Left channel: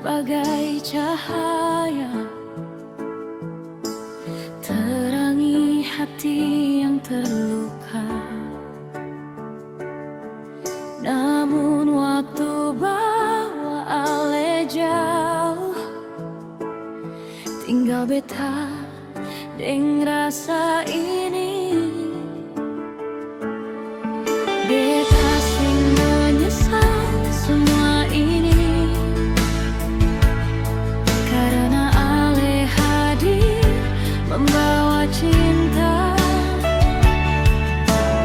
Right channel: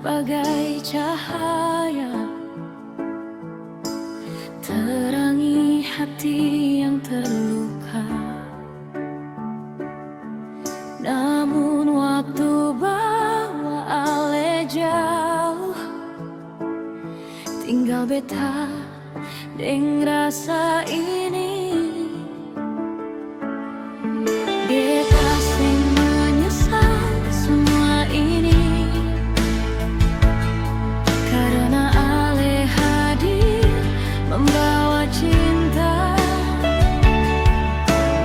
bagai cahaya, terangi hati yang terluka. Namun waktu bawa ale jauh, tinggal beta deng rasa ini. Beta sing menyesal semua ini, karena ale hadir membawa cinta.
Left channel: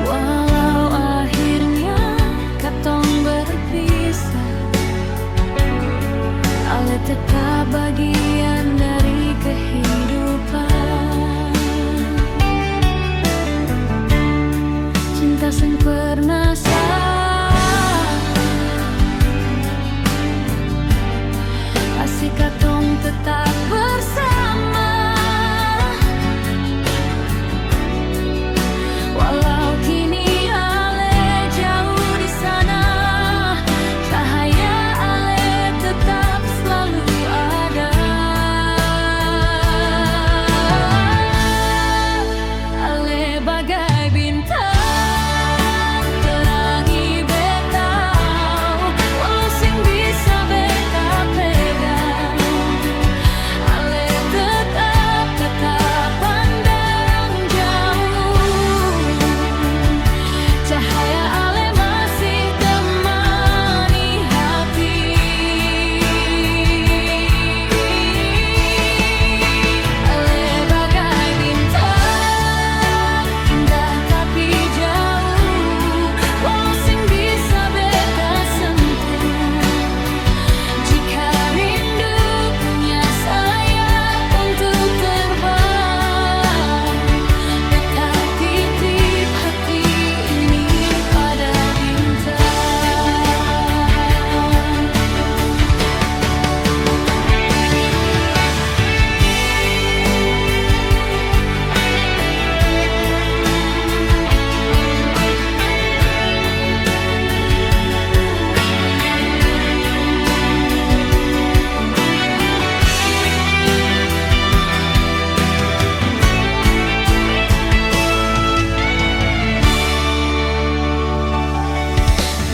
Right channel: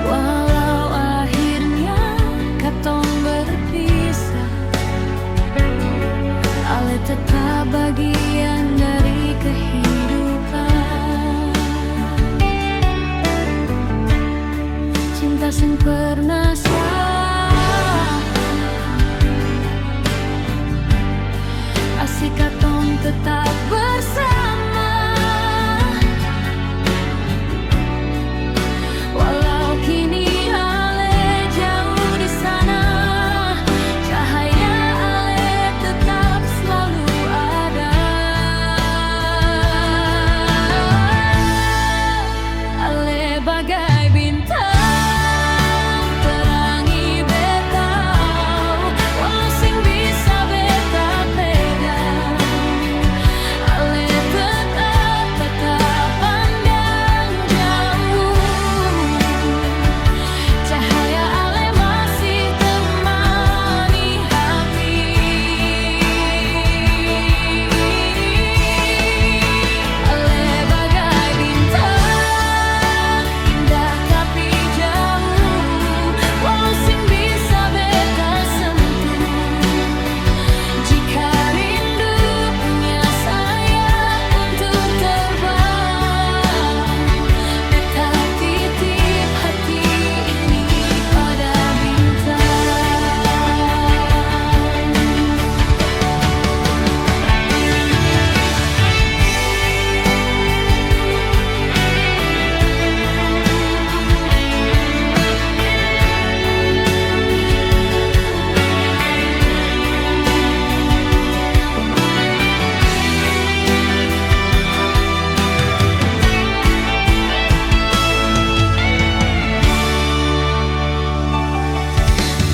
Walau akhirnya katong berpisah, ale tetap bagian dari kehidupan. Cinta sing pernah salah, kasih katong tetap bersama. Walau kini ale jauh di sana, cahaya ale tetap selalu ada. Ale bagai bintang terangi beta, walau sing bisa beta pegang. Ale tetap pandang jauh, cahaya ale masih temani hati. Ale bagai bintang indah tapi jauh, walau sing bisa beta sentuh. Jika rindu punya sayap untuk terbang, beta titip hati ini pada bintang.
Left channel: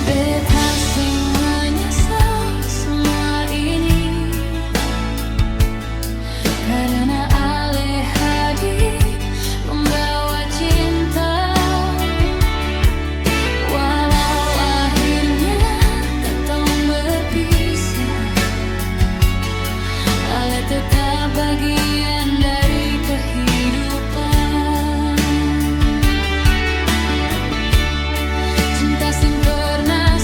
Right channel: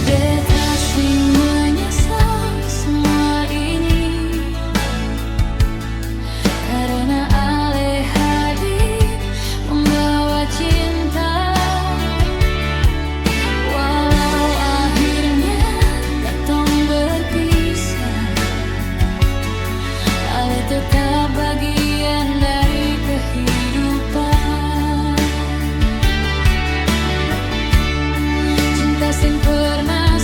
Beta sing menyesal semua ini, karena ale hadir membawa cinta. Walau akhirnya katong berpisah, ale tetap bagian dari kehidupan. Cinta sing pernah